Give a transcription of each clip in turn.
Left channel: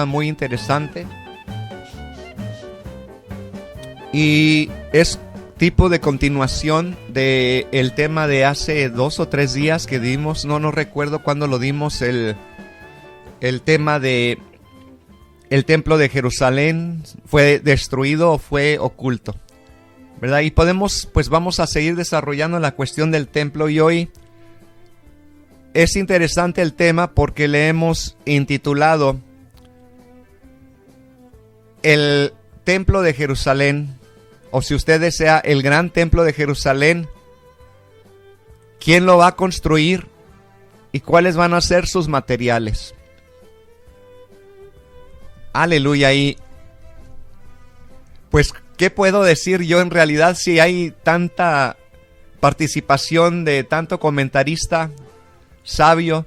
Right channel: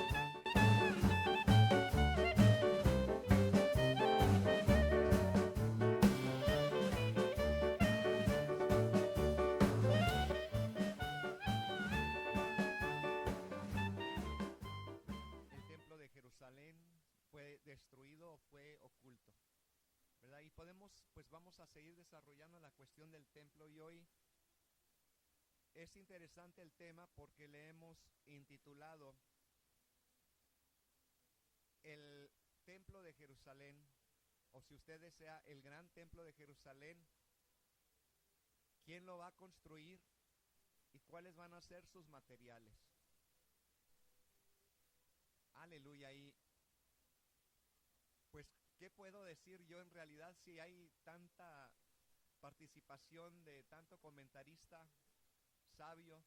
tema muy interesante. Y es tipo de continuación de el tema de hace 2 o 3 días que dimos. No recuerdo cuándo lo dimos, el tema de el templo de Jerusalén fue destruido o fue oculto, ¿verdad? Y vamos a seguir desarrollando la cuestión del templo, y hoy es interesante el tema porque le hemos intitulado el templo de Jerusalén, o si usted desea, el gran templo de Jerusalén. ¿Quién lo va a construir y cuáles van a ser sus materiales? Aleluya. Y pues, ¿qué puedo decir yo en realidad si hay tanta participación de tanto comentarista sabio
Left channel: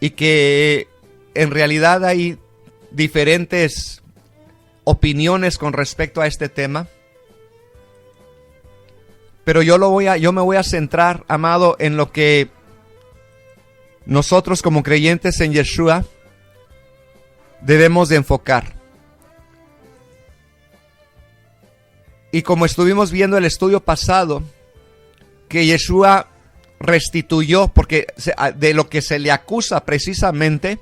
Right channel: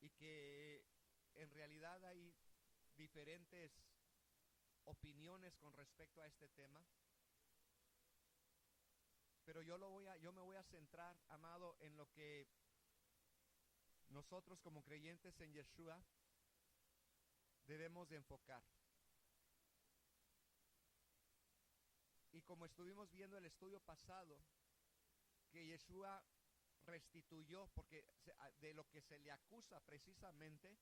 y que en realidad hay diferentes opiniones con respecto a este tema? Pero yo me voy a centrar, amado, en lo que nosotros como creyentes en Yeshua debemos de enfocar. Y como estuvimos viendo el estudio pasado, que Yeshua restituyó, porque de lo que se le acusa precisamente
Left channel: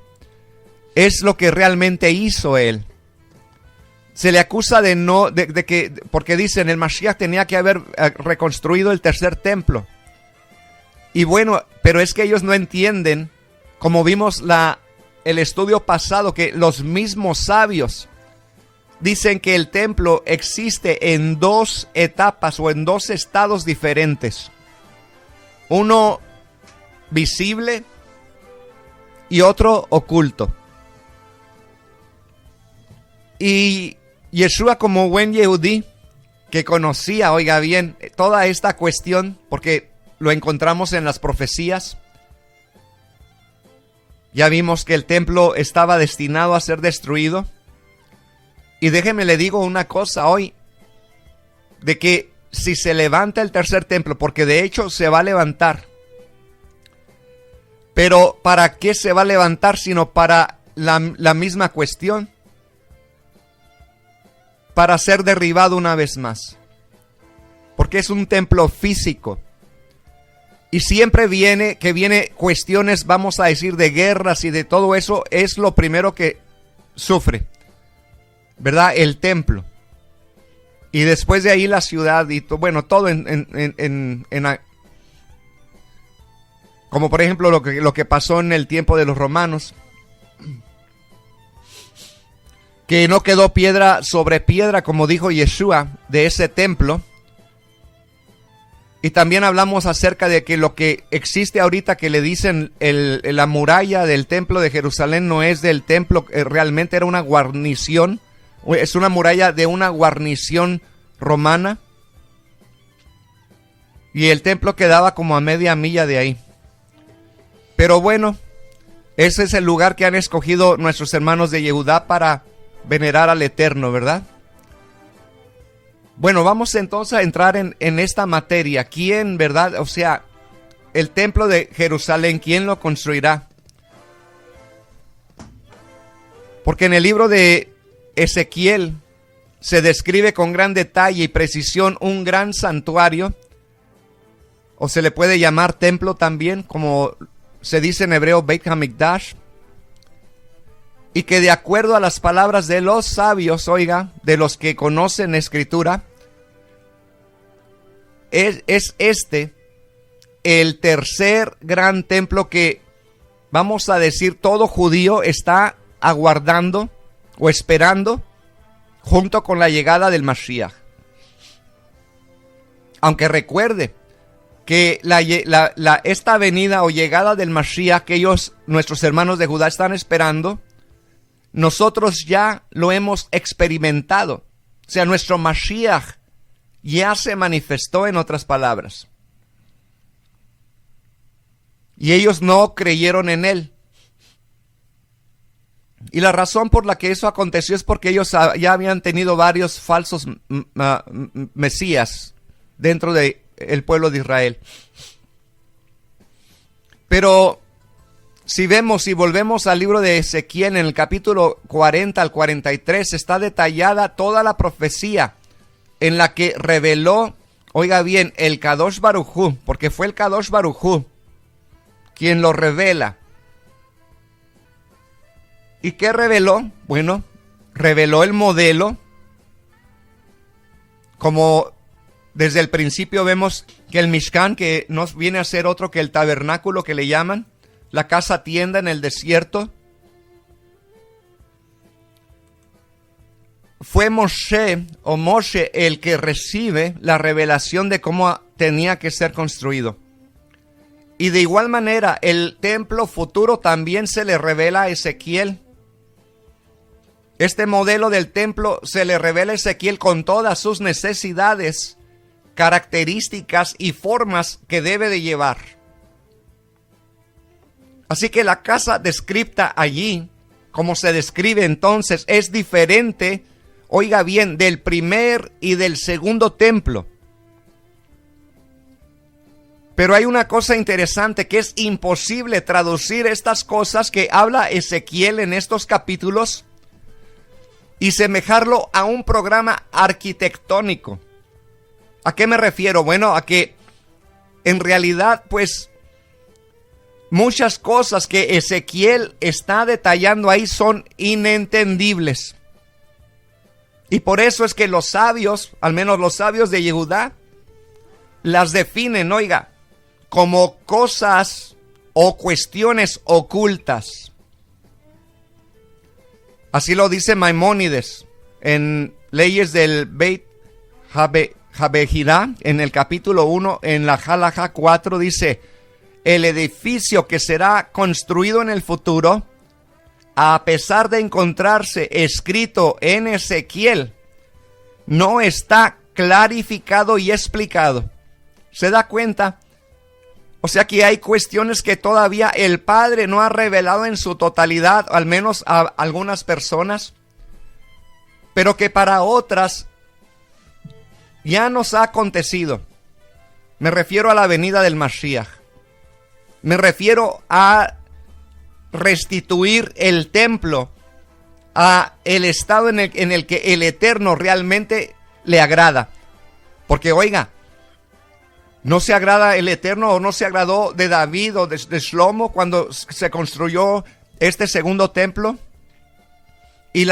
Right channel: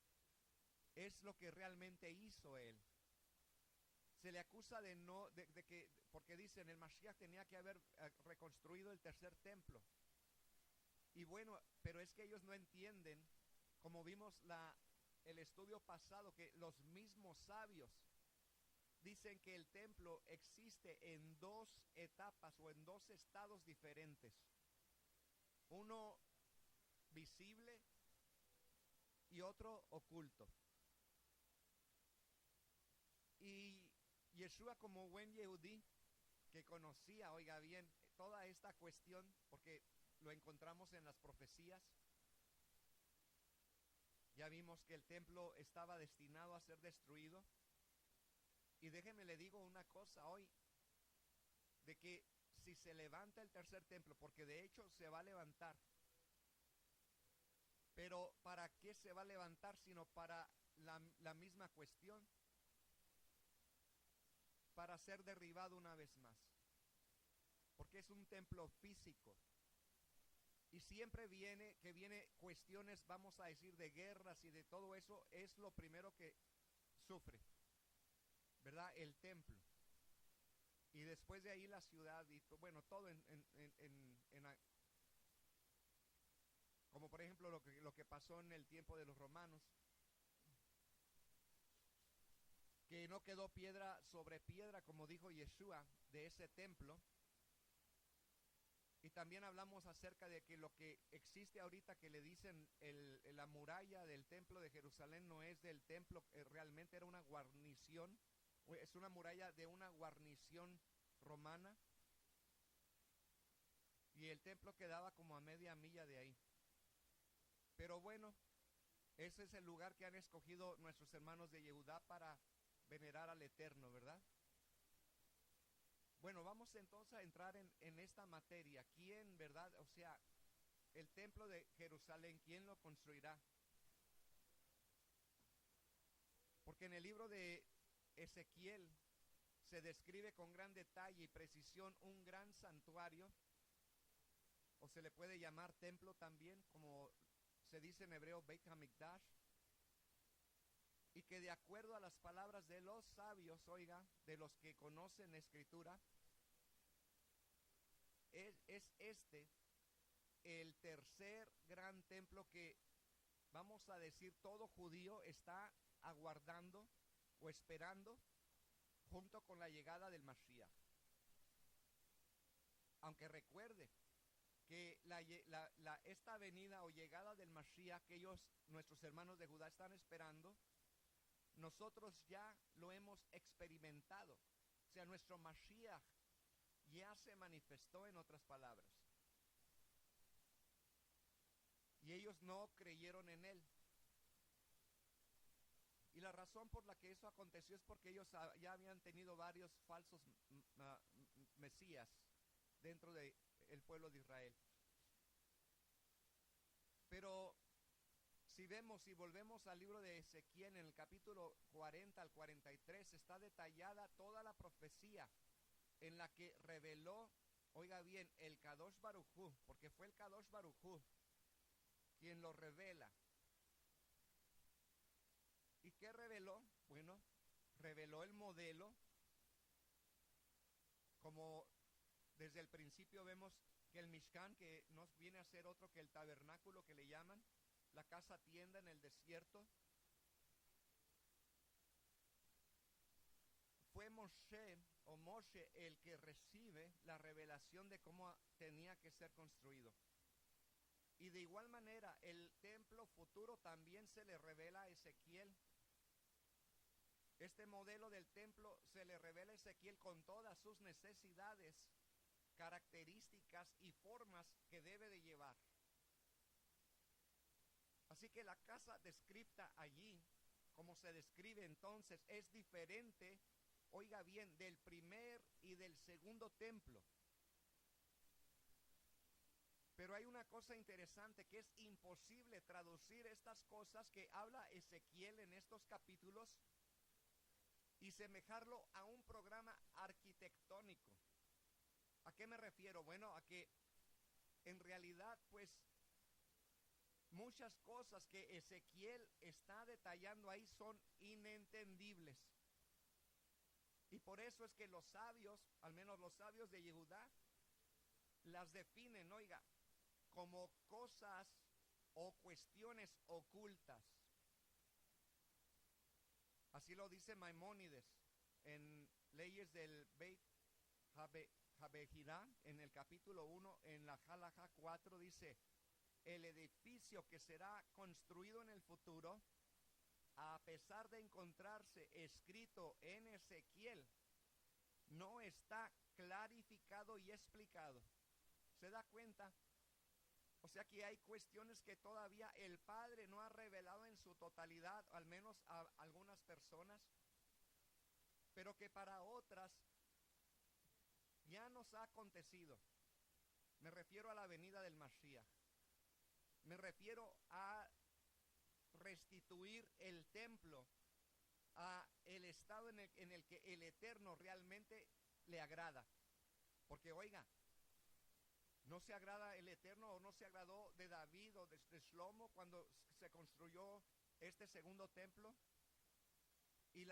es lo que realmente hizo él. Se le acusa porque dicen el Mashiach tenía que haber reconstruido el tercer templo. Y bueno, pero es que ellos no entienden, como vimos el estudio pasado, que los mismos sabios dicen que el templo existe en 2 etapas o en 2 estados diferentes. Uno visible y otro oculto. Y Yeshua, como buen Yehudí, que conocía, oiga bien, toda esta cuestión, porque lo encontramos en las profecías. Ya vimos que el templo estaba destinado a ser destruido. Y déjeme le digo una cosa hoy, de que si se levanta el tercer templo, porque de hecho se va a levantar, pero ¿para qué se va a levantar? Sino para la misma cuestión, para ser derribado una vez más, porque es un templo físico. Y siempre viene cuestiones, vamos a decir, de guerras y de todo eso, es lo primero que sufre, ¿verdad? El templo. Y después de ahí la ciudad y bueno, todo como por ejemplo lo que pasó en el tiempo de los romanos, que no quedó piedra sobre piedra, como dijo Yeshua, de ese templo. Y también hablamos acerca de que lo que existe ahorita, que le dicen la muralla del templo de Jerusalén, no es del templo, realmente era una guarnición, es una muralla de una guarnición romana. Y el templo quedaba como a media milla de ahí. Pero bueno, ese es el lugar que han escogido nuestros hermanos de Yehudá para venerar al Eterno, ¿verdad? Bueno, vamos entonces a entrar en esta materia. ¿Quién, verdad? O sea, el templo de Jerusalén, ¿quién lo construirá? Porque en el libro de Ezequiel se describe con gran detalle y precisión un gran santuario, o se le puede llamar templo también, como se dice en hebreo, Beit HaMikdash. Y que de acuerdo a las palabras de los sabios, oiga, de los que conocen escritura, es este el tercer gran templo que, vamos a decir, todo judío está aguardando o esperando junto con la llegada del Mashiach. Aunque recuerde que esta venida o llegada del Mashiach que nuestros hermanos de Judá están esperando, nosotros ya lo hemos experimentado. O sea, nuestro Mashiach ya se manifestó, en otras palabras. Y ellos no creyeron en él. Y la razón por la que eso aconteció es porque ellos ya habían tenido varios falsos mesías dentro del pueblo de Israel. Pero Si vemos y volvemos al libro de Ezequiel, en el capítulo 40 al 43, está detallada toda la profecía en la que reveló, oiga bien, el Kadosh Baruj Hu, porque fue el Kadosh Baruj Hu quien lo revela. ¿Y qué reveló? Bueno, reveló el modelo. Como desde el principio vemos que el Mishkan, que no viene a ser otro que el tabernáculo que le llaman, la casa tienda en el desierto, fue Moshe el que recibe la revelación de cómo tenía que ser construido. Y de igual manera, el templo futuro también se le revela a Ezequiel. Este modelo del templo se le revela a Ezequiel con todas sus necesidades, características y formas que debe de llevar. Así que la casa descrita allí, como se describe entonces, es diferente, oiga bien, del primer y del segundo templo. Pero hay una cosa interesante, que es imposible traducir estas cosas que habla Ezequiel en estos capítulos y semejarlo a un programa arquitectónico. ¿A qué me refiero? Bueno, a que en realidad, pues, muchas cosas que Ezequiel está detallando ahí son inentendibles. Y por eso es que los sabios, al menos los sabios de Yehudá, las definen, oiga, como cosas o cuestiones ocultas. Así lo dice Maimónides en Leyes del Beit Habejirá, en el capítulo 1, en la Halajá 4, dice: el edificio que será construido en el futuro, a pesar de encontrarse escrito en Ezequiel, no está clarificado y explicado. ¿Se da cuenta? O sea que hay cuestiones que todavía el Padre no ha revelado en su totalidad, al menos a algunas personas, pero que para otras ya nos ha acontecido. Me refiero a la venida del Mashiach. Me refiero a restituir el templo a el estado en el que el Eterno realmente le agrada. Porque oiga, ¿no se agrada el Eterno o no se agradó de David o de Shlomo cuando se construyó este segundo templo? Y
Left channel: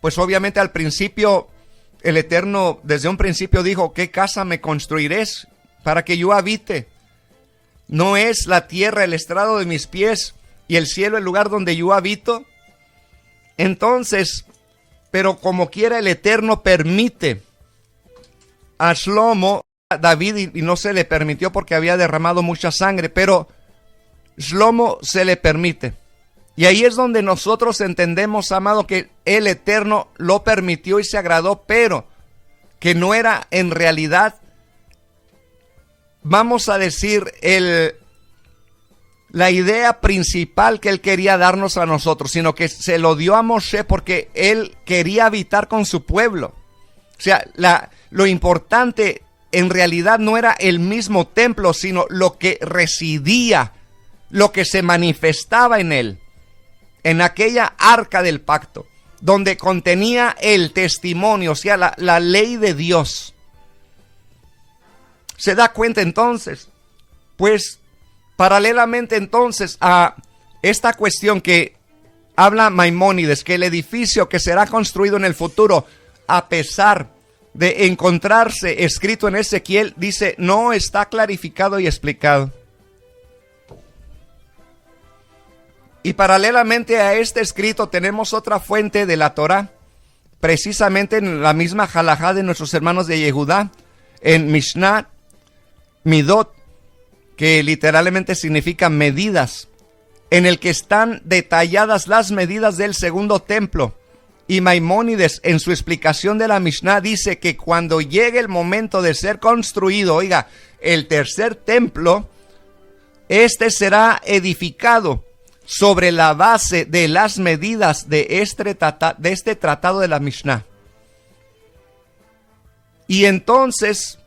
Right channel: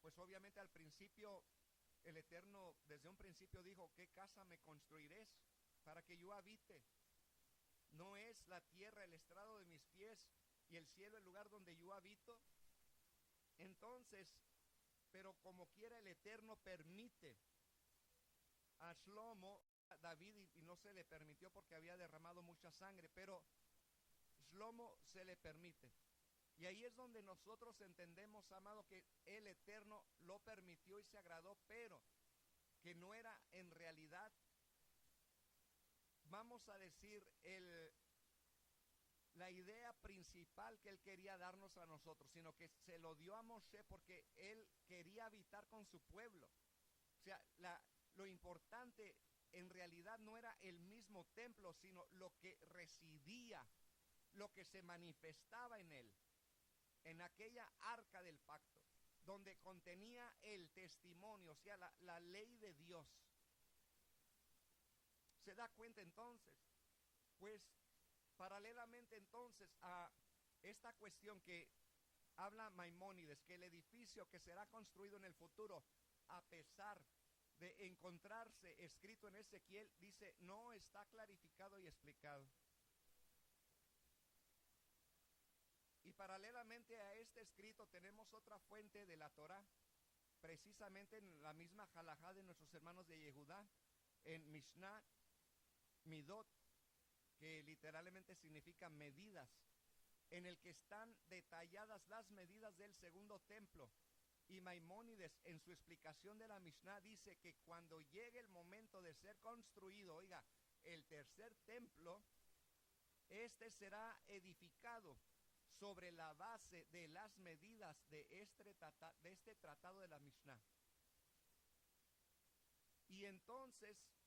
pues obviamente al principio el Eterno desde un principio dijo: ¿qué casa me construiréis para que yo habite? ¿No es la tierra el estrado de mis pies y el cielo el lugar donde yo habito? Entonces, pero como quiera el Eterno permite a Shlomo, a David, y no se le permitió porque había derramado mucha sangre, pero Shlomo se le permite. Y ahí es donde nosotros entendemos, amado, que el Eterno lo permitió y se agradó, pero que no era en realidad, vamos a decir, la idea principal que él quería darnos a nosotros, sino que se lo dio a Moshe porque él quería habitar con su pueblo. O sea, lo importante en realidad no era el mismo templo, sino lo que residía, lo que se manifestaba en él, en aquella arca del pacto, donde contenía el testimonio, o sea, la ley de Dios. ¿Se da cuenta entonces? Pues paralelamente entonces a esta cuestión que habla Maimónides, que el edificio que será construido en el futuro, a pesar de encontrarse escrito en Ezequiel, dice, no está clarificado y explicado. Y paralelamente a este escrito tenemos otra fuente de la Torá, precisamente en la misma halajá de nuestros hermanos de Yehudá, en Mishnah Midot, que literalmente significa medidas, en el que están detalladas las medidas del segundo templo. Y Maimónides, en su explicación de la Mishnah, dice que cuando llegue el momento de ser construido, oiga, el tercer templo, este será edificado sobre la base de las medidas de este tratado de la Mishnah. Y entonces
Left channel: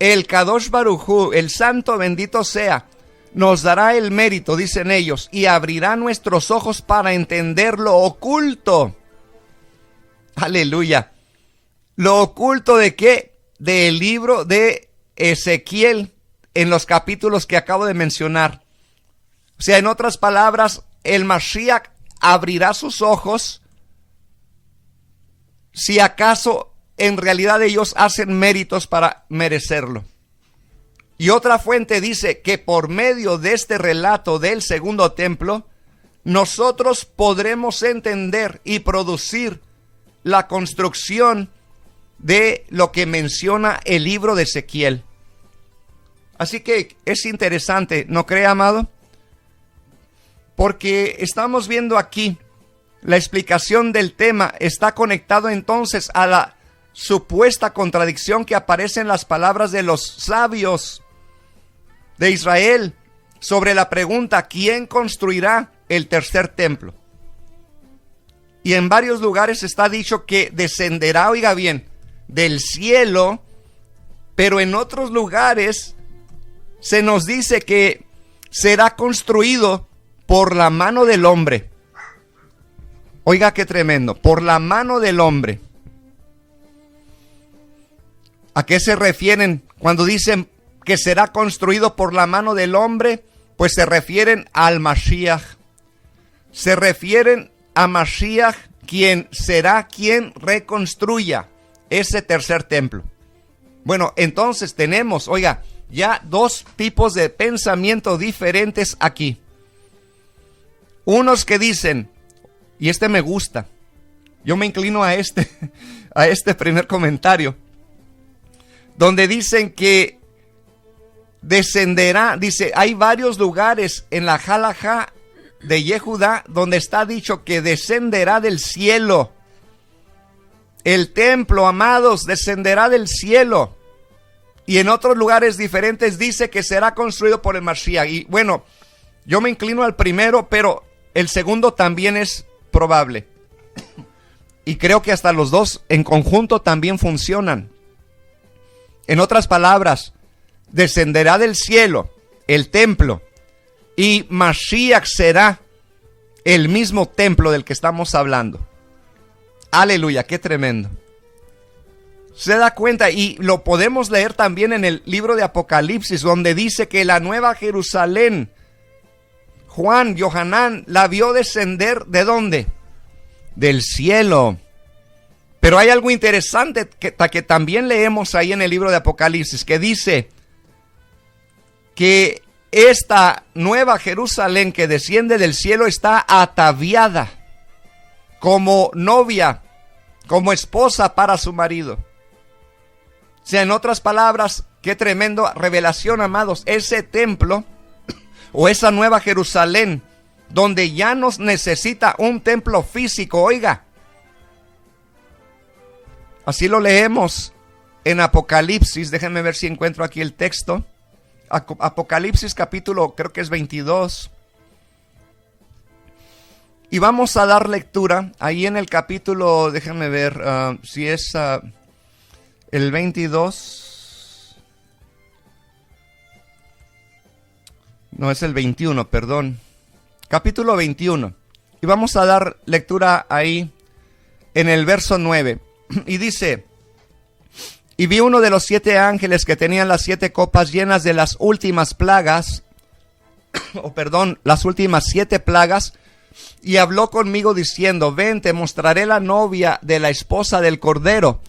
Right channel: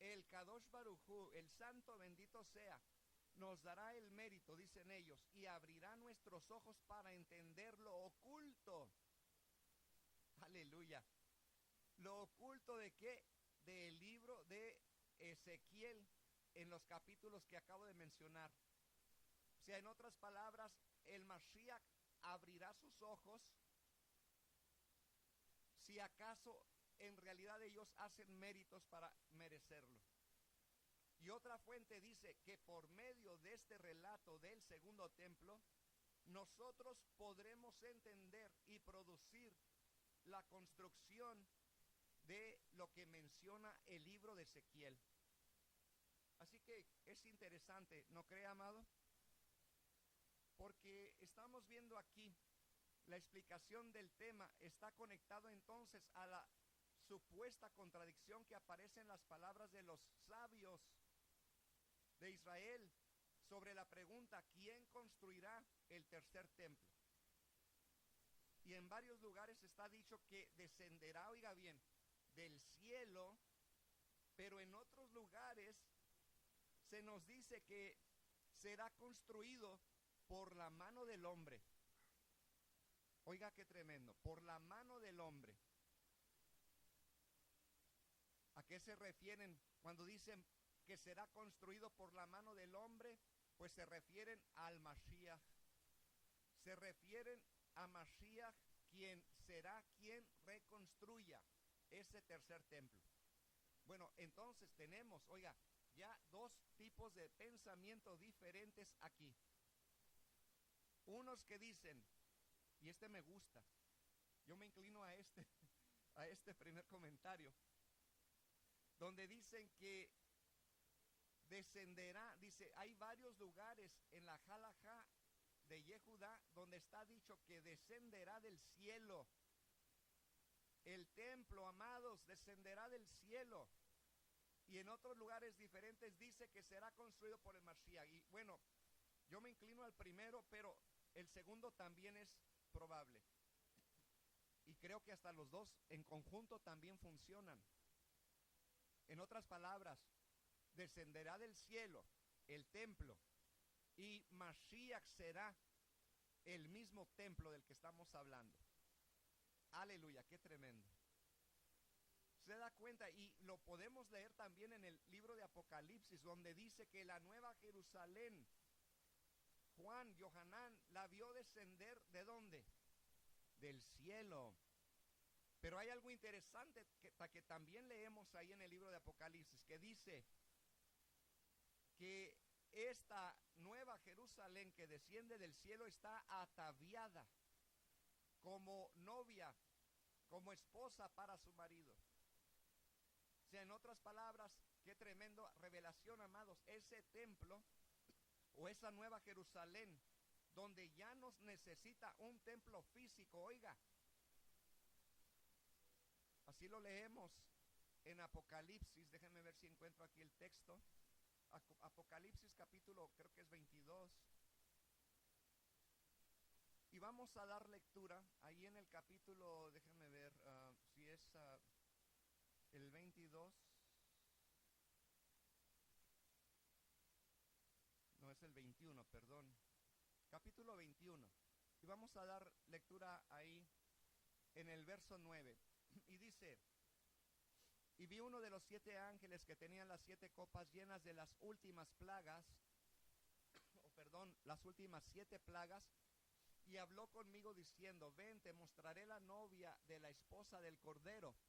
el Kadosh Baruj Hu, el santo bendito sea, nos dará el mérito, dicen ellos, y abrirá nuestros ojos para entender lo oculto. Aleluya. ¿Lo oculto de qué? Del libro de Ezequiel, en los capítulos que acabo de mencionar. O sea, en otras palabras, el Mashiach abrirá sus ojos si acaso en realidad ellos hacen méritos para merecerlo. Y otra fuente dice que por medio de este relato del segundo templo, nosotros podremos entender y producir la construcción de lo que menciona el libro de Ezequiel. Así que es interesante, ¿no cree, amado? Porque estamos viendo aquí la explicación del tema está conectado entonces a la supuesta contradicción que aparece en las palabras de los sabios de Israel sobre la pregunta: ¿quién construirá el tercer templo? Y en varios lugares está dicho que descenderá, oiga bien, del cielo, pero en otros lugares se nos dice que será construido por la mano del hombre. Oiga qué tremendo, por la mano del hombre. ¿A qué se refieren cuando dicen que será construido por la mano del hombre? Pues se refieren al Mashiach. Se refieren a Mashiach, quien será quien reconstruya ese tercer templo. Bueno, entonces tenemos, oiga, ya dos tipos de pensamiento diferentes aquí. Unos que dicen, y este me gusta, yo me inclino a este primer comentario, donde dicen que descenderá, dice, hay varios lugares en la Halajá de Yehudá donde está dicho que descenderá del cielo. El templo, amados, descenderá del cielo. Y en otros lugares diferentes dice que será construido por el Mashiach. Y bueno, yo me inclino al primero, pero el segundo también es probable. Y creo que hasta los dos en conjunto también funcionan. En otras palabras, descenderá del cielo el templo y Mashiach será el mismo templo del que estamos hablando. Aleluya, qué tremendo. Se da cuenta, y lo podemos leer también en el libro de Apocalipsis, donde dice que la nueva Jerusalén, Juan, Yohanan, la vio descender, ¿de dónde? Del cielo. Pero hay algo interesante que también leemos ahí en el libro de Apocalipsis, que dice que esta nueva Jerusalén que desciende del cielo está ataviada como novia, como esposa para su marido. O sea, en otras palabras, qué tremendo revelación, amados. Ese templo o esa nueva Jerusalén, donde ya nos necesita un templo físico, oiga. Así lo leemos en Apocalipsis. Déjenme ver si encuentro aquí el texto. Apocalipsis capítulo, creo que es 22. Y vamos a dar lectura ahí en el capítulo, déjenme ver si es el 22. No, es el 21, perdón. Capítulo 21. Y vamos a dar lectura ahí en el verso 9. Y dice: y vi uno de los 7 ángeles que tenían las 7 copas llenas de las últimas plagas, las últimas 7 plagas, y habló conmigo diciendo: ven, te mostraré la novia de la esposa del Cordero.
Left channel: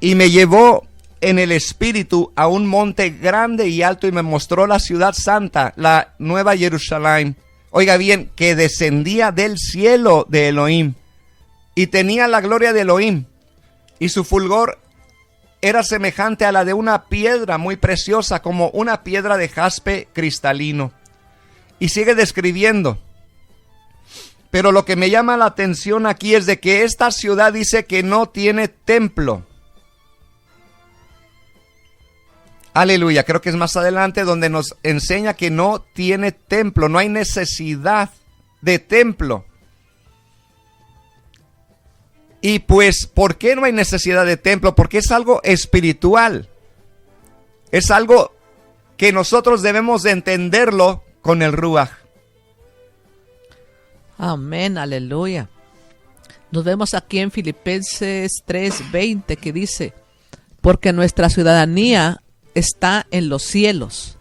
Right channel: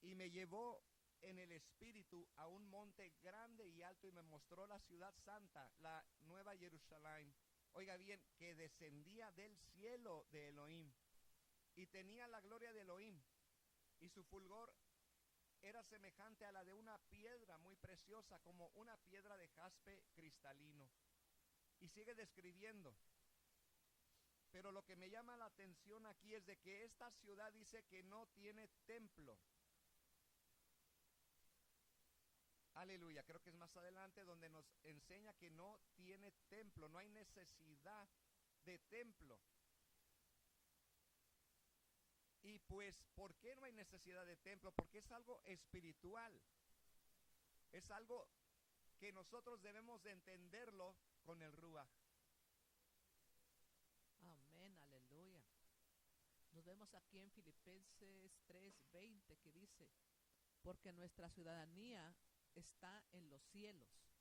Y me llevó en el espíritu a un monte grande y alto, y me mostró la ciudad santa, la nueva Jerusalén. Oiga bien, que descendía del cielo de Elohim, y tenía la gloria de Elohim, y su fulgor era semejante a la de una piedra muy preciosa, como una piedra de jaspe cristalino. Y sigue describiendo. Pero lo que me llama la atención aquí es de que esta ciudad dice que no tiene templo. Aleluya, creo que es más adelante donde nos enseña que no tiene templo, no hay necesidad de templo. Y pues, ¿por qué no hay necesidad de templo? Porque es algo espiritual. Es algo que nosotros debemos de entenderlo con el Ruach. Amén, aleluya. Nos vemos aquí en Filipenses 3:20 que dice, porque nuestra ciudadanía está en los cielos,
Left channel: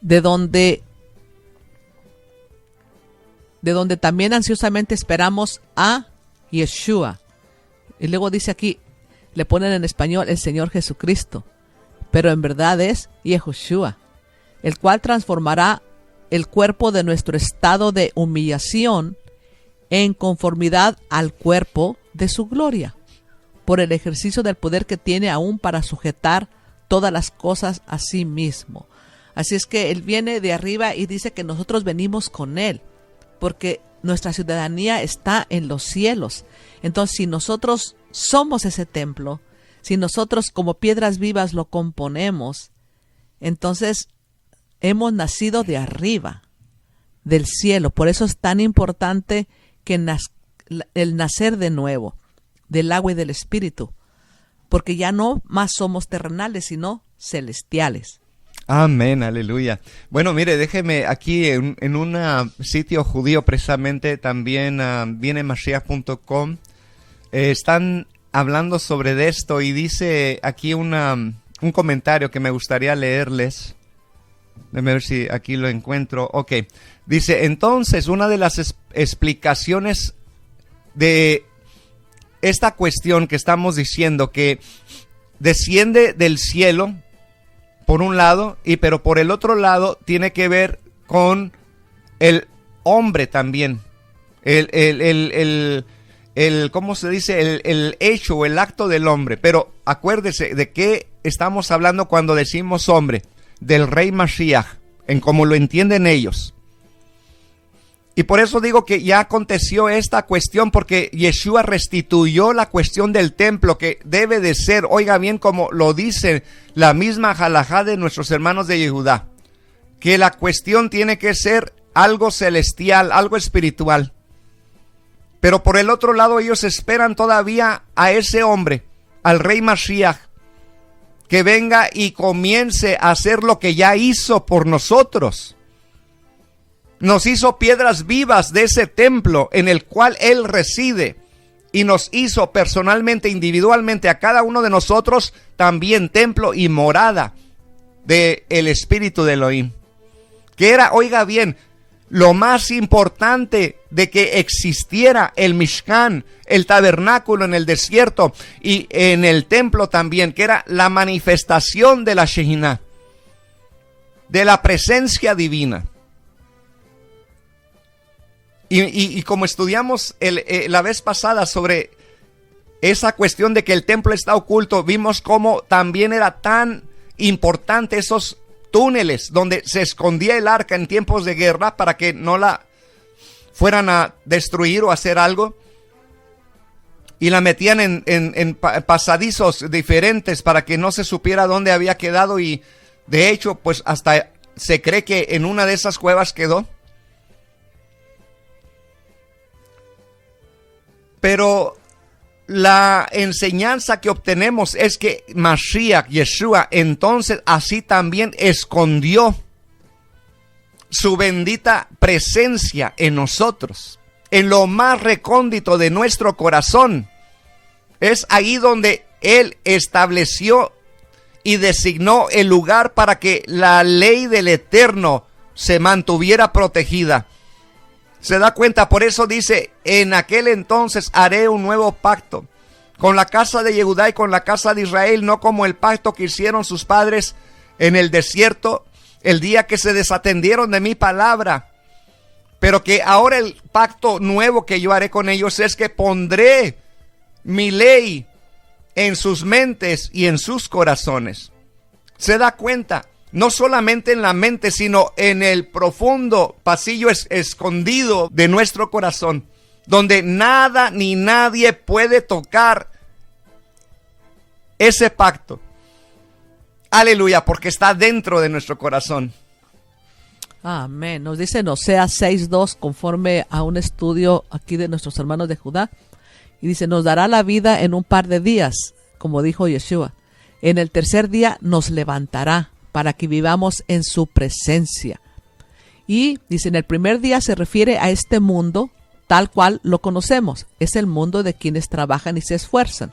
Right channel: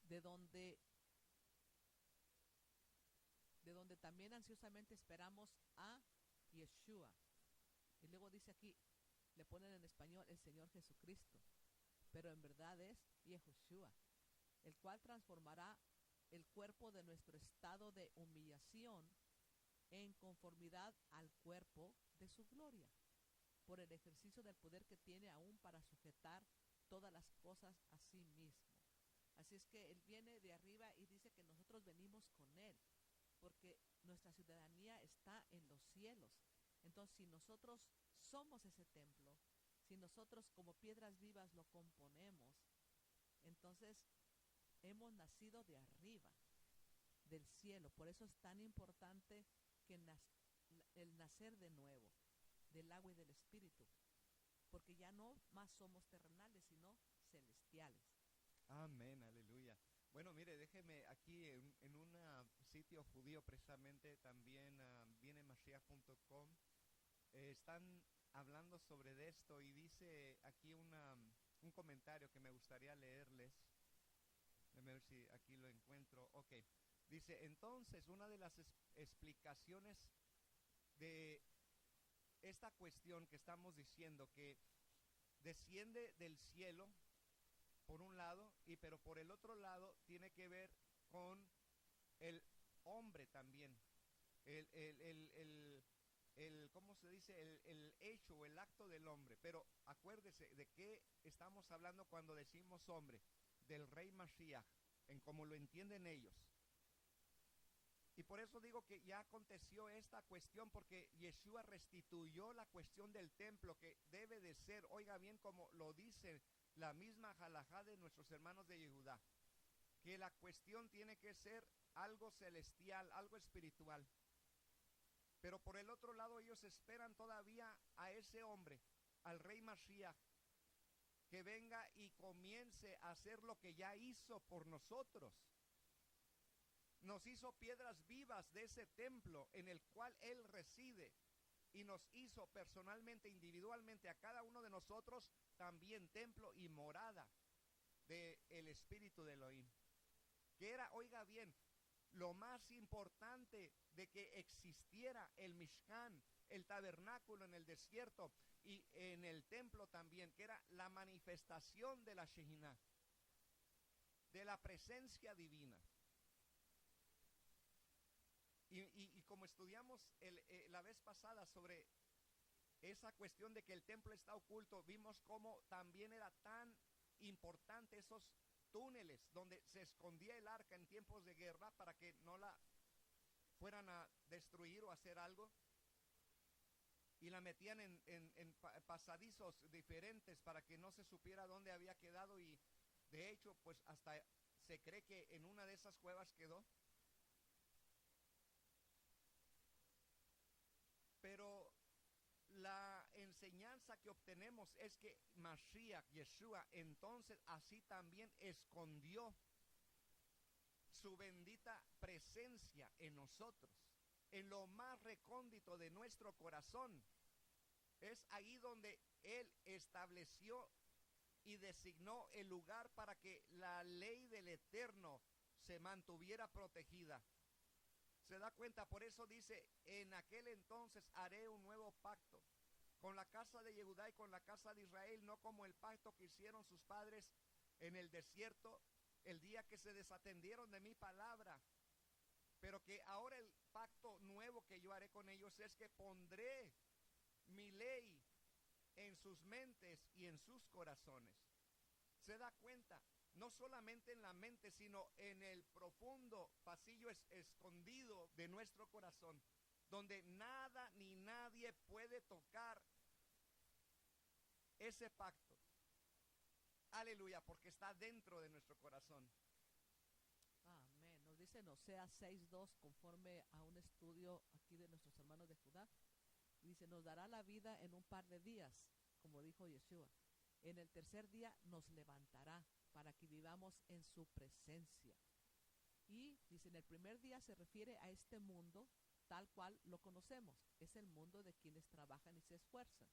de donde también ansiosamente esperamos a Yeshua. Y luego dice aquí, le ponen en español el Señor Jesucristo, pero en verdad es Yehoshua, el cual transformará el cuerpo de nuestro estado de humillación en conformidad al cuerpo de su gloria, por el ejercicio del poder que tiene aún para sujetar todas las cosas a sí mismo. Así es que Él viene de arriba y dice que nosotros venimos con Él, porque nuestra ciudadanía está en los cielos. Entonces, si nosotros somos ese templo, si nosotros como piedras vivas lo componemos, entonces hemos nacido de arriba, del cielo. Por eso es tan importante que el nacer de nuevo, del agua y del espíritu, porque ya no más somos terrenales, sino celestiales. Amén, aleluya. Bueno, mire, déjeme aquí en un sitio judío precisamente, también viene Mashiach.com, están hablando sobre esto y dice aquí un comentario que me gustaría leerles. Déjame ver si aquí lo encuentro. Ok, dice, entonces una de las explicaciones de esta cuestión que estamos diciendo, que desciende del cielo, por un lado, pero por el otro lado tiene que ver con el hombre también. ¿Cómo se dice? El hecho, el acto del hombre. Pero acuérdese de qué estamos hablando cuando decimos hombre. Del Rey Mashiach, en como lo entienden ellos. Y por eso digo que ya aconteció esta cuestión, porque Yeshua restituyó la cuestión del templo, que debe de ser, oiga bien, como lo dice la misma halajá de nuestros hermanos de Yehudá, que la cuestión tiene que ser algo celestial, algo espiritual. Pero por el otro lado ellos esperan todavía a ese hombre, al Rey Mashiach, que venga y comience a hacer lo que ya hizo por nosotros. Nos hizo piedras vivas de ese templo en el cual Él reside, y nos hizo personalmente, individualmente, a cada uno de nosotros también templo y morada del Espíritu de Elohim, que era, oiga bien, lo más importante de que existiera el Mishkan, el tabernáculo en el desierto y en el templo también, que era la manifestación de la Shehinah, de la presencia divina. Y como estudiamos la vez pasada sobre esa cuestión de que el templo está oculto, vimos cómo también era tan importante esos túneles donde se escondía el arca en tiempos de guerra para que no la fueran a destruir o hacer algo. Y la metían en pasadizos diferentes para que no se supiera dónde había quedado. Y de hecho, pues hasta se cree que en una de esas cuevas quedó. Pero la enseñanza que obtenemos es que Mashiach, Yeshua, entonces así también escondió su bendita presencia en nosotros, en lo más recóndito de nuestro corazón. Es ahí donde Él estableció y designó el lugar para que la ley del Eterno se mantuviera protegida. ¿Se da cuenta? Por eso dice, en aquel entonces haré un nuevo pacto con la casa de Yehudá y con la casa de Israel, no como el pacto que hicieron sus padres en el desierto, el día que se desatendieron de mi palabra. Pero que ahora el pacto nuevo que yo haré con ellos es que pondré mi ley en sus mentes y en sus corazones. ¿Se da cuenta? No solamente en la mente, sino en el profundo pasillo escondido de nuestro corazón, donde nada ni nadie puede tocar ese pacto. Aleluya, porque está dentro de nuestro corazón. Amén. Nos dice en Oseas 6:2, conforme a un estudio aquí de nuestros hermanos de Judá, y dice, nos dará la vida en un par de días, como dijo Yeshua. En el tercer día nos levantará para que vivamos en su presencia. Y dice, en el primer día se refiere a este mundo tal cual lo conocemos. Es el mundo de quienes trabajan y se esfuerzan.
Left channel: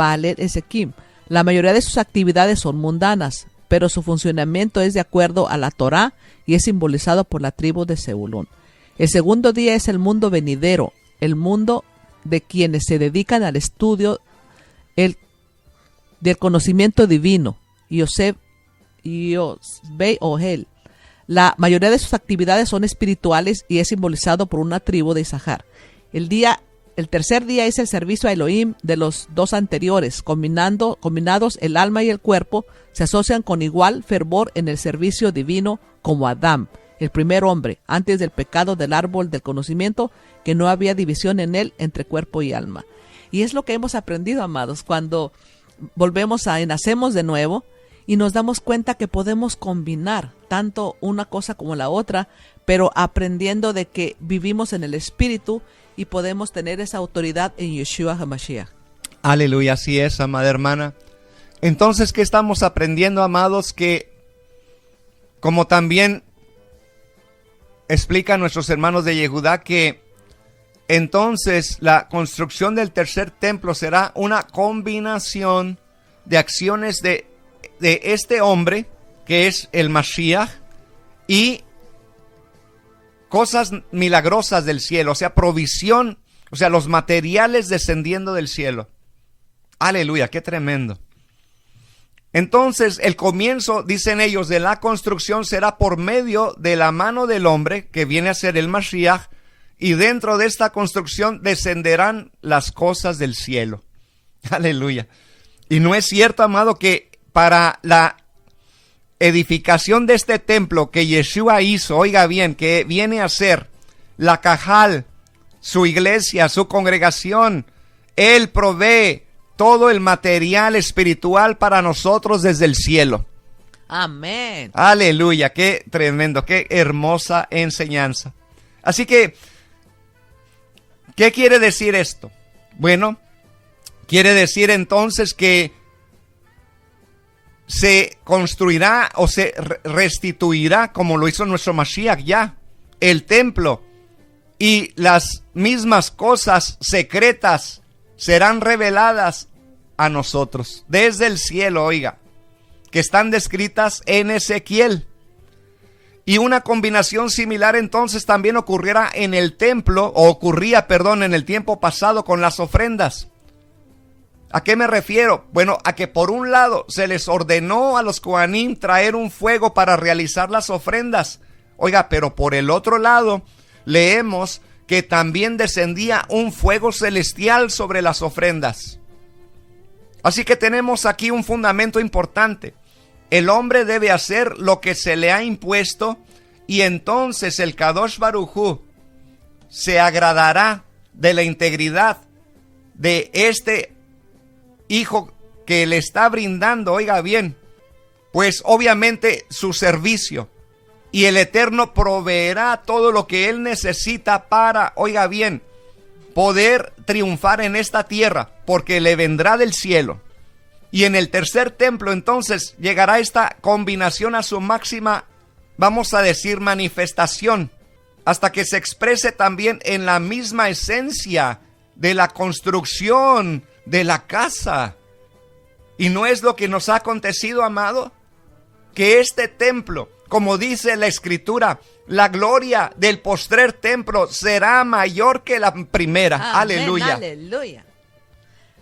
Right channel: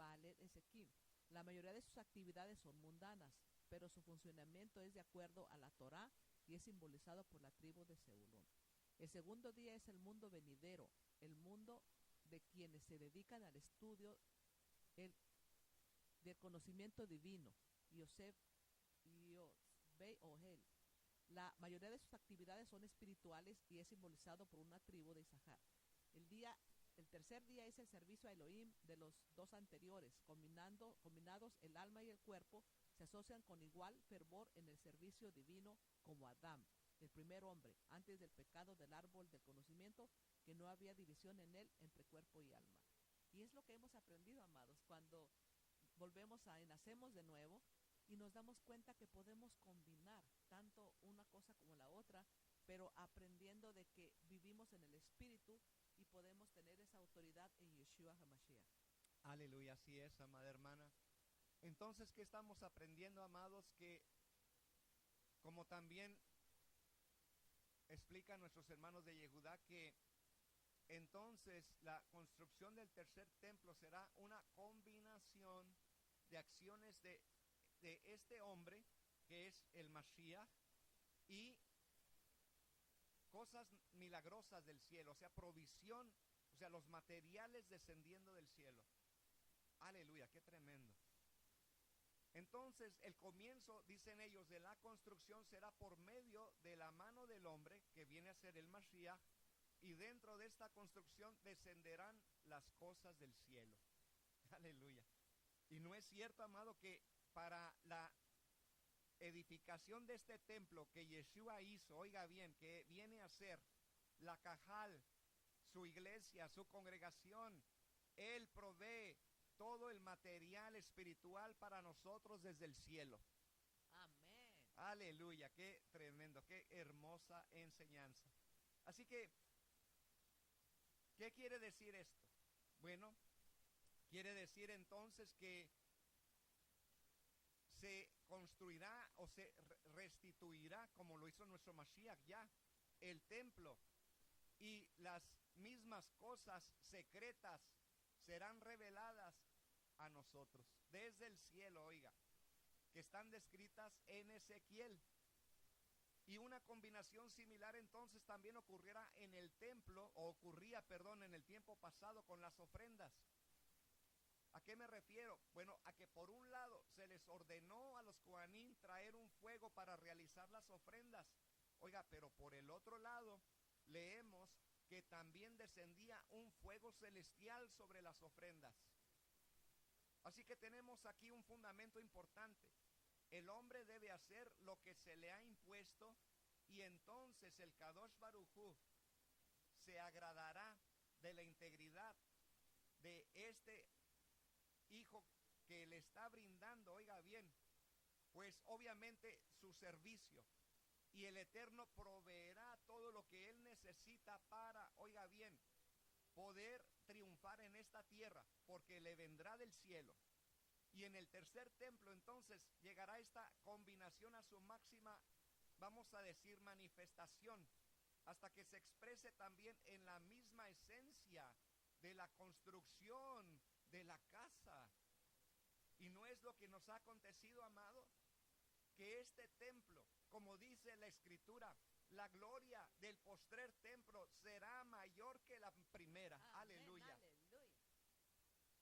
Va a leer Ezequiel. La mayoría de sus actividades son mundanas, pero su funcionamiento es de acuerdo a la Torá y es simbolizado por la tribu de Zebulón. El segundo día es el mundo venidero, el mundo de quienes se dedican al estudio del conocimiento divino. Yosef Ohel. La mayoría de sus actividades son espirituales y es simbolizado por una tribu de Isahar. El tercer día es el servicio a Elohim de los dos anteriores. Combinados el alma y el cuerpo se asocian con igual fervor en el servicio divino como Adán, el primer hombre, antes del pecado del árbol del conocimiento, que no había división en él entre cuerpo y alma. Y es lo que hemos aprendido, amados, cuando nacemos de nuevo y nos damos cuenta que podemos combinar tanto una cosa como la otra, pero aprendiendo de que vivimos en el Espíritu y podemos tener esa autoridad en Yeshua HaMashiach. Aleluya, así es, amada hermana. Entonces, ¿qué estamos aprendiendo, amados? Que, como también explican nuestros hermanos de Yehudá, que entonces la construcción del tercer templo será una combinación de acciones de este hombre, que es el Mashiach, y cosas milagrosas del cielo, o sea, provisión, o sea, los materiales descendiendo del cielo. Aleluya, qué tremendo. Entonces, el comienzo, dicen ellos, de la construcción será por medio de la mano del hombre, que viene a ser el Mashiach, y dentro de esta construcción descenderán las cosas del cielo. Aleluya. Y no es cierto, amado, que para la edificación de este templo que Yeshua hizo, oiga bien, que viene a ser la Cajal, su iglesia, su congregación, Él provee todo el material espiritual para nosotros desde el cielo. Amén. Aleluya, qué tremendo, qué hermosa enseñanza. Así que, ¿qué quiere decir esto? Bueno, quiere decir entonces que se construirá o se restituirá, como lo hizo nuestro Mashiach ya, el templo, y las mismas cosas secretas serán reveladas a nosotros desde el cielo, oiga, que están descritas en Ezequiel. Y una combinación similar entonces también ocurría en el tiempo pasado con las ofrendas. ¿A qué me refiero? Bueno, a que por un lado se les ordenó a los Kohanim traer un fuego para realizar las ofrendas. Oiga, pero por el otro lado leemos que también descendía un fuego celestial sobre las ofrendas. Así que tenemos aquí un fundamento importante. El hombre debe hacer lo que se le ha impuesto y entonces el Kadosh Baruj Hu se agradará de la integridad de este hijo que le está brindando, oiga bien, pues obviamente su servicio, y el Eterno proveerá todo lo que él necesita para, oiga bien, poder triunfar en esta tierra, porque le vendrá del cielo. Y en el tercer templo entonces llegará esta combinación a su máxima, vamos a decir, manifestación, hasta que se exprese también en la misma esencia de la construcción de la casa. ¿Y no es lo que nos ha acontecido, amado? Que este templo, como dice la Escritura, la gloria del postrer templo será mayor que la primera. Amén, aleluya. Aleluya.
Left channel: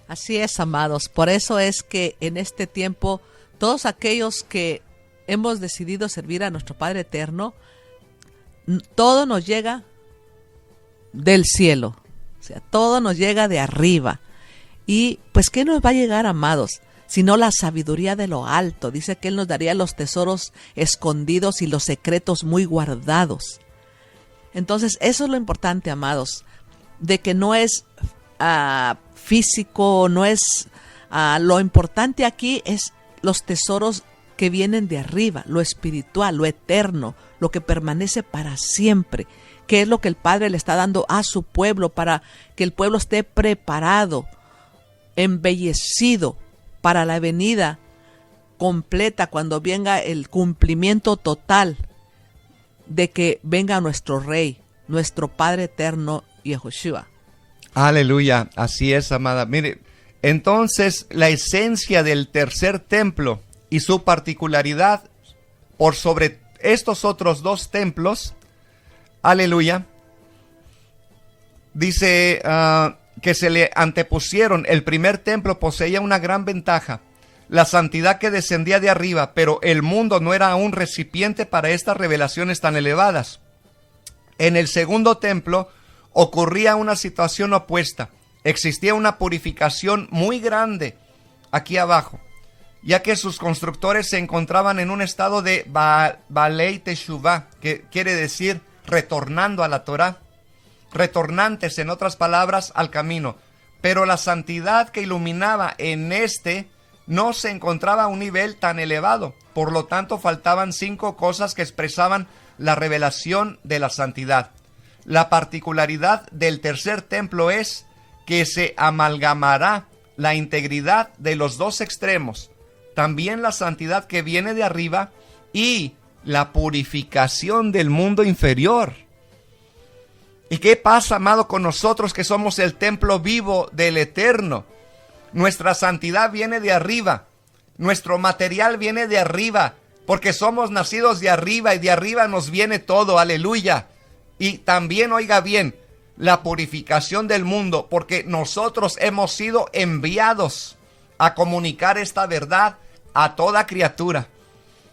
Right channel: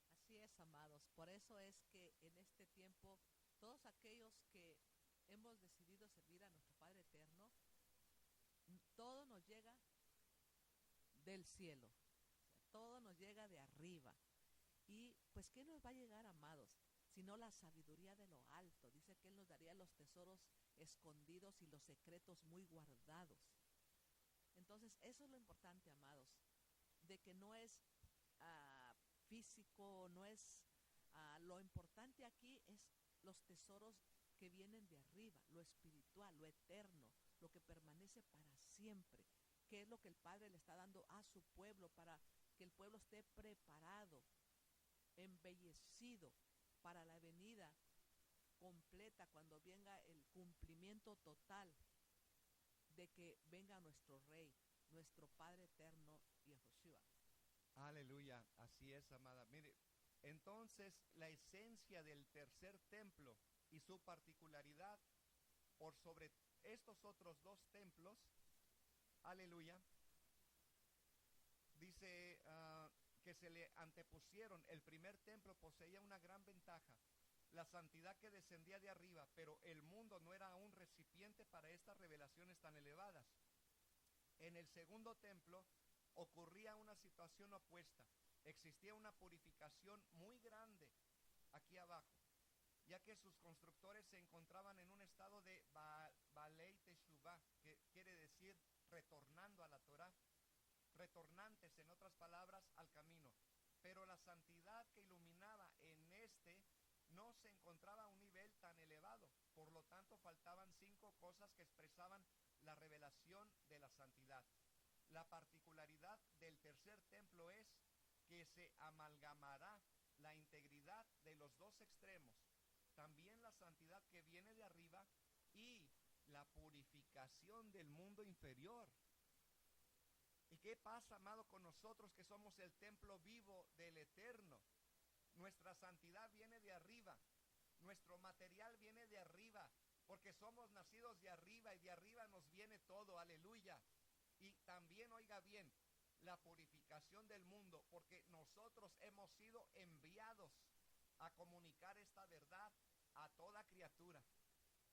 Así es, amados. Por eso es que en este tiempo, todos aquellos que hemos decidido servir a nuestro Padre Eterno, todo nos llega del cielo. O sea, todo nos llega de arriba. Y pues, ¿qué nos va a llegar, amados? Sino la sabiduría de lo alto. Dice que Él nos daría los tesoros escondidos y los secretos muy guardados. Entonces, eso es lo importante, amados, de que no es físico, no es lo importante aquí es los tesoros que vienen de arriba, lo espiritual, lo eterno, lo que permanece para siempre, que es lo que el Padre le está dando a su pueblo para que el pueblo esté preparado, embellecido para la venida completa, cuando venga el cumplimiento total de que venga nuestro Rey, nuestro Padre eterno, Yahushua. Aleluya, así es, amada. Mire, entonces la esencia del tercer templo y su particularidad por sobre estos otros dos templos, aleluya, dice que se le antepusieron. El primer templo poseía una gran ventaja, la santidad que descendía de arriba, pero el mundo no era un recipiente para estas revelaciones tan elevadas. En el segundo templo ocurría una situación opuesta. Existía una purificación muy grande aquí abajo, ya que sus constructores se encontraban en un estado de Balei Teshuvah, que quiere decir retornando a la Torah, retornantes, en otras palabras, al camino. Pero la santidad que iluminaba en este no se encontraba a un nivel tan elevado. Por lo tanto, faltaban 5 cosas que expresaban la revelación de la santidad. La particularidad del tercer templo es que se amalgamará la integridad de los dos extremos, también la santidad que viene de arriba y la purificación del mundo inferior. ¿Y qué pasa, amado, con nosotros que somos el templo vivo del Eterno? Nuestra santidad viene de arriba, nuestro material viene de arriba, porque somos nacidos de arriba y de arriba nos viene todo, aleluya. Y también, oiga bien, la purificación del mundo, porque nosotros hemos sido enviados a comunicar esta verdad a toda criatura.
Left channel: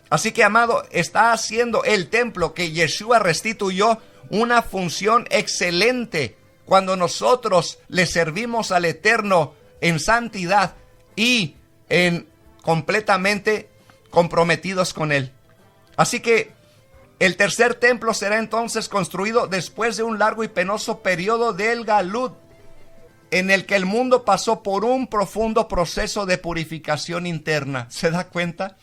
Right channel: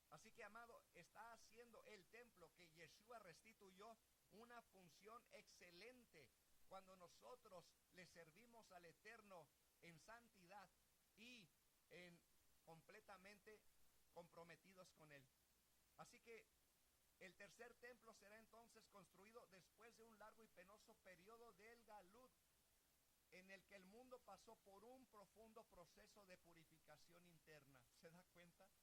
Así que, amado, está haciendo el templo que Yeshua restituyó una función excelente cuando nosotros le servimos al Eterno en santidad y en completamente comprometidos con Él. Así que el tercer templo será entonces construido después de un largo y penoso periodo del Galut, en el que el mundo pasó por un profundo proceso de purificación interna. ¿Se da cuenta?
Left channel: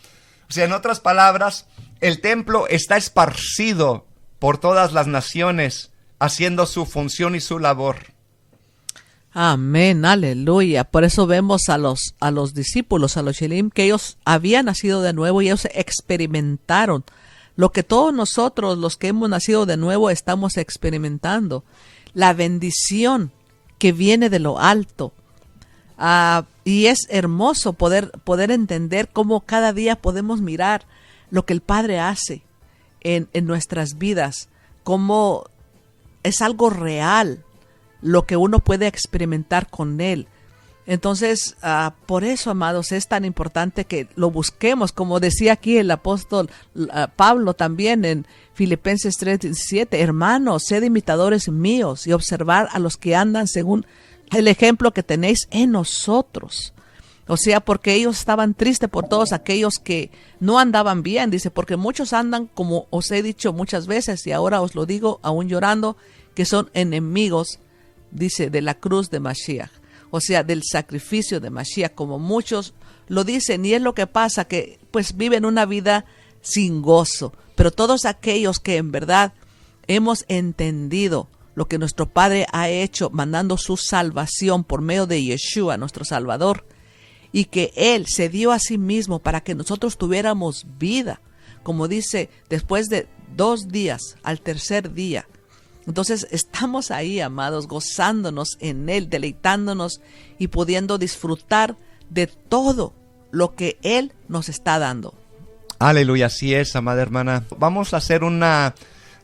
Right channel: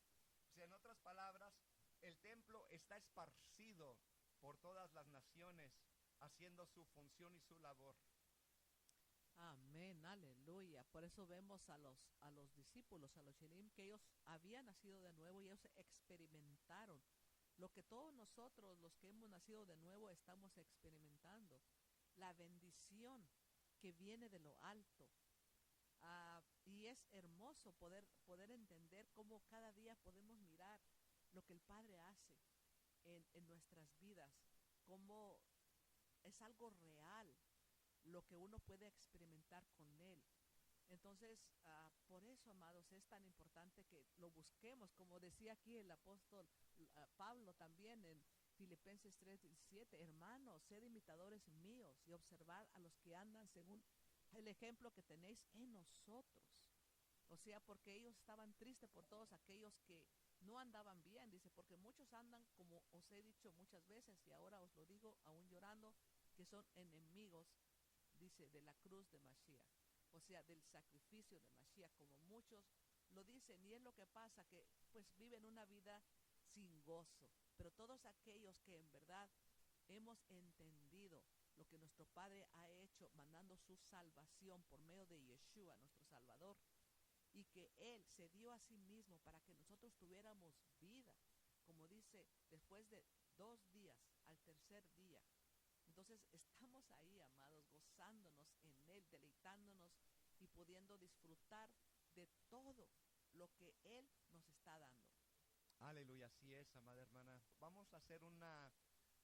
O sea, en otras palabras, el templo está esparcido por todas las naciones, haciendo su función y su labor. Amén, aleluya. Por eso vemos a los discípulos, a los Shelim, que ellos habían nacido de nuevo y ellos experimentaron lo que todos nosotros, los que hemos nacido de nuevo, estamos experimentando. La bendición que viene de lo alto. Y es hermoso poder entender cómo cada día podemos mirar lo que el Padre hace en nuestras vidas, cómo es algo real lo que uno puede experimentar con Él. Entonces, por eso, amados, es tan importante que lo busquemos, como decía aquí el apóstol Pablo también en Filipenses 3:17, hermanos, sed imitadores míos y observar a los que andan según el ejemplo que tenéis en nosotros. O sea, porque ellos estaban tristes por todos aquellos que no andaban bien, dice, porque muchos andan, como os he dicho muchas veces, y ahora os lo digo aún llorando, que son enemigos, dice, de la cruz de Mashiach. O sea, del sacrificio de Mashiach, como muchos lo dicen, y es lo que pasa, que pues viven una vida sin gozo. Pero todos aquellos que en verdad hemos entendido lo que nuestro Padre ha hecho, mandando su salvación por medio de Yeshua, nuestro Salvador, y que Él se dio a sí mismo para que nosotros tuviéramos vida, como dice, después de 2 días, al tercer día. Entonces estamos ahí, amados, gozándonos en Él, deleitándonos y pudiendo disfrutar de todo lo que Él nos está dando. Aleluya, así es, amada hermana. Vamos a hacer un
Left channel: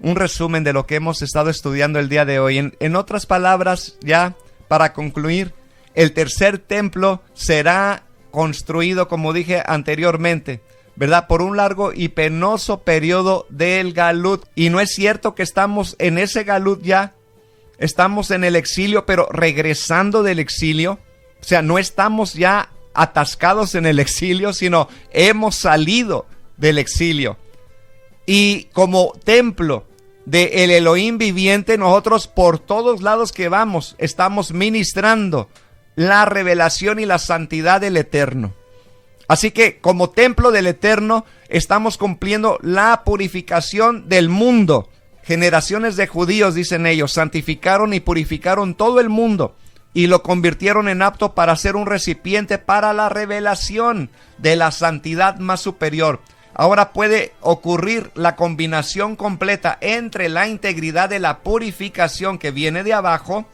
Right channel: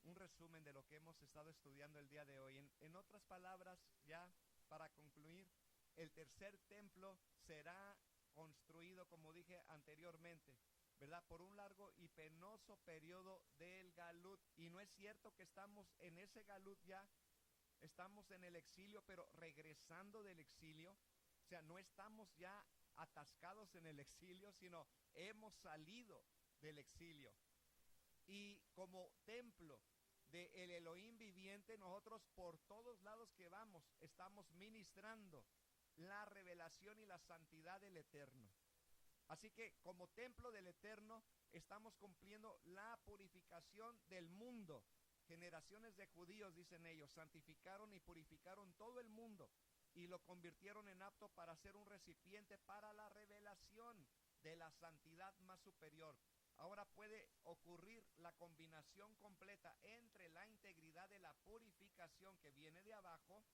resumen de lo que hemos estado estudiando el día de hoy. En otras palabras, ya para concluir, el tercer templo será construido, como dije anteriormente, ¿verdad? Por un largo y penoso periodo del Galut. Y no es cierto que estamos en ese Galut ya. Estamos en el exilio, pero regresando del exilio. O sea, no estamos ya atascados en el exilio, sino hemos salido del exilio. Y como templo del Elohim viviente, nosotros por todos lados que vamos, estamos ministrando la revelación y la santidad del Eterno. Así que como templo del Eterno estamos cumpliendo la purificación del mundo. Generaciones de judíos, dicen ellos, santificaron y purificaron todo el mundo y lo convirtieron en apto para ser un recipiente para la revelación de la santidad más superior. Ahora puede ocurrir la combinación completa entre la integridad de la purificación que viene de abajo,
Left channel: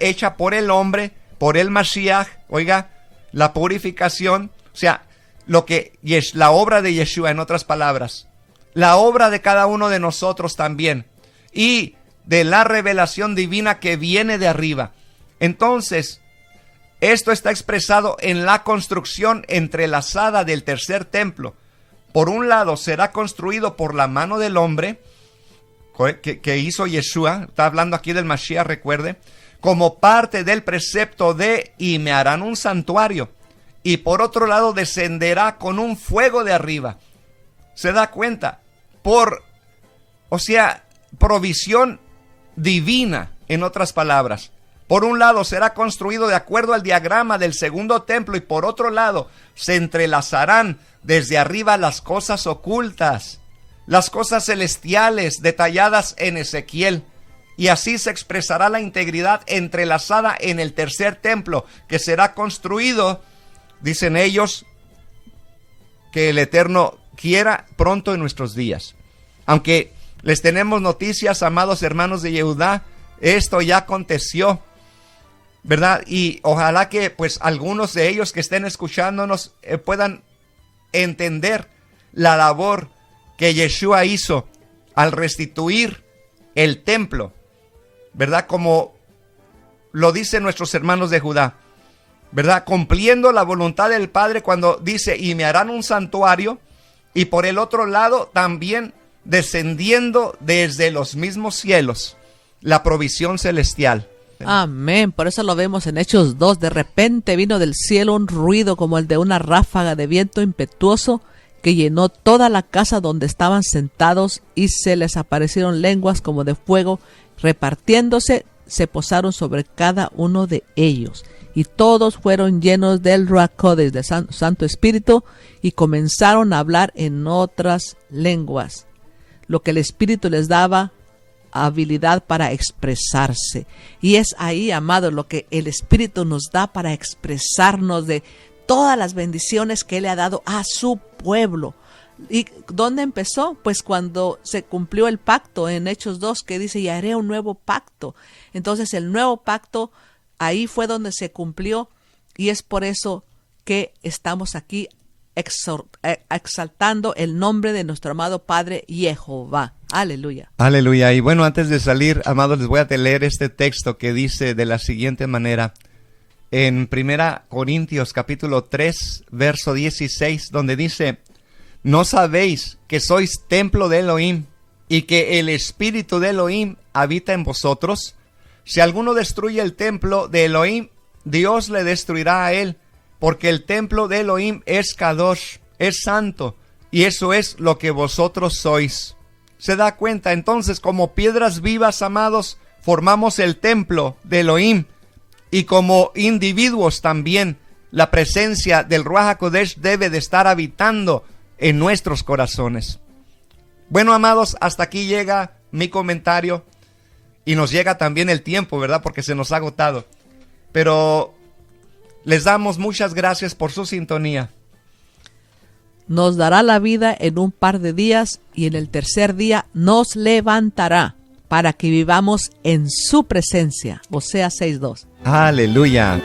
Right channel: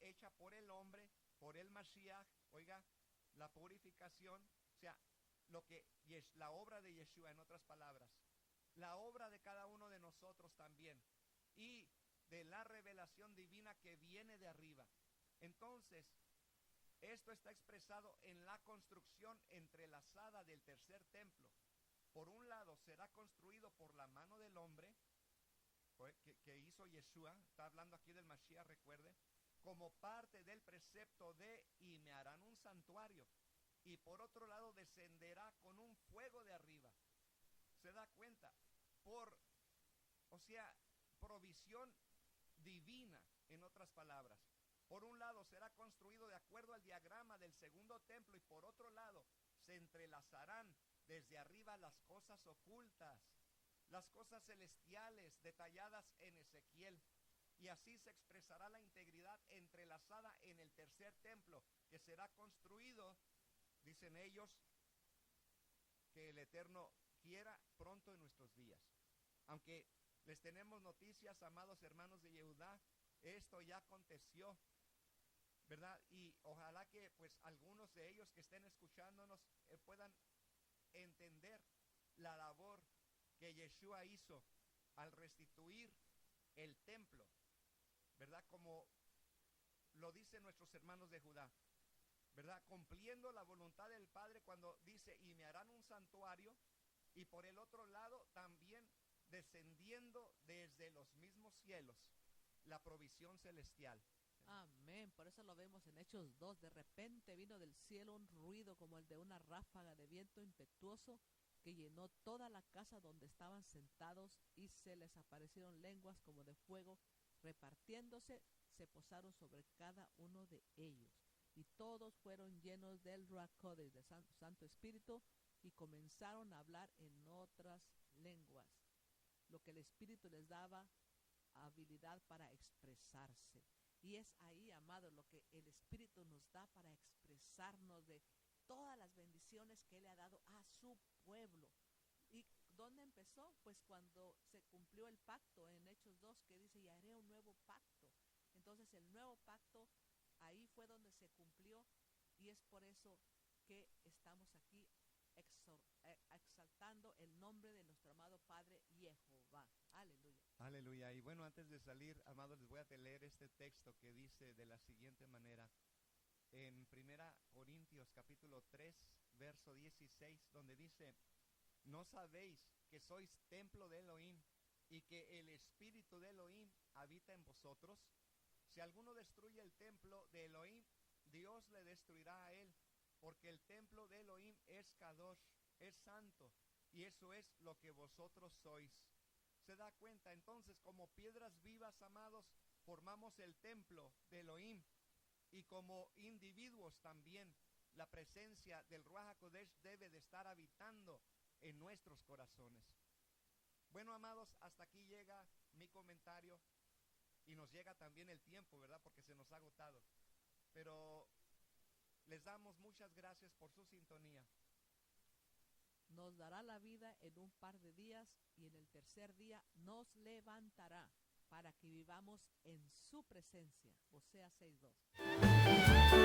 hecha por el hombre, por el Mashiach, oiga, la purificación, o sea, la obra de Yeshua, en otras palabras, la obra de cada uno de nosotros también, y de la revelación divina que viene de arriba. Entonces, esto está expresado en la construcción entrelazada del tercer templo. Por un lado, será construido por la mano del hombre, que hizo Yeshua, está hablando aquí del Mashiach, recuerde, como parte del precepto de y me harán un santuario. Y por otro lado, descenderá con un fuego de arriba. ¿Se da cuenta? Provisión divina, en otras palabras. Por un lado será construido de acuerdo al diagrama del segundo templo y por otro lado se entrelazarán desde arriba las cosas ocultas, las cosas celestiales detalladas en Ezequiel. Y así se expresará la integridad entrelazada en el tercer templo, que será construido, dicen ellos, que el Eterno quiera pronto en nuestros días. Aunque les tenemos noticias, amados hermanos de Yehudá, esto ya aconteció, ¿verdad? Y ojalá que pues algunos de ellos que estén escuchándonos puedan entender la labor que Yeshua hizo al restituir el templo, ¿verdad? Como lo dicen nuestros hermanos de Judá, ¿verdad? Cumpliendo la voluntad del Padre cuando dice, y me harán un santuario, y por el otro lado también descendiendo desde los mismos cielos la provisión celestial. Amén. Por eso lo vemos en Hechos 2. De repente vino del cielo un ruido como el de una ráfaga de viento impetuoso que llenó toda la casa donde estaban sentados, y se les aparecieron lenguas como de fuego, repartiéndose, se posaron sobre cada uno de ellos. Y todos fueron llenos del Ruach Kodesh, del Santo Espíritu, y comenzaron a hablar en otras lenguas, lo que el Espíritu les daba habilidad para expresarse. Y es ahí, amado, lo que el Espíritu nos da para expresarnos de todas las bendiciones que Él le ha dado a su pueblo. ¿Y dónde empezó? Pues cuando se cumplió el pacto en Hechos 2, que dice, y haré un nuevo pacto. Entonces el nuevo pacto, ahí fue donde se cumplió, y es por eso que estamos aquí exaltando el nombre de nuestro amado Padre Jehová. Aleluya. Aleluya. Y bueno, antes de salir, amados, les voy a leer este texto que dice de la siguiente manera, en 1 Corintios capítulo 3, verso 16, donde dice, ¿no sabéis que sois templo de Elohim y que el Espíritu de Elohim habita en vosotros? Si alguno destruye el templo de Elohim, Dios le destruirá a él, porque el templo de Elohim es Kadosh, es santo, y eso es lo que vosotros sois. ¿Se da cuenta? Entonces, como piedras vivas, amados, formamos el templo de Elohim, y como individuos también, la presencia del Ruach HaKodesh debe de estar habitando en nuestros corazones. Bueno, amados, hasta aquí llega mi comentario, y nos llega también el tiempo, ¿verdad? Porque se nos ha agotado. Pero les damos muchas gracias por su sintonía. Nos dará la vida en un par de días, y en el tercer día nos levantará para que vivamos en su presencia. Oseas 6:2. Aleluya.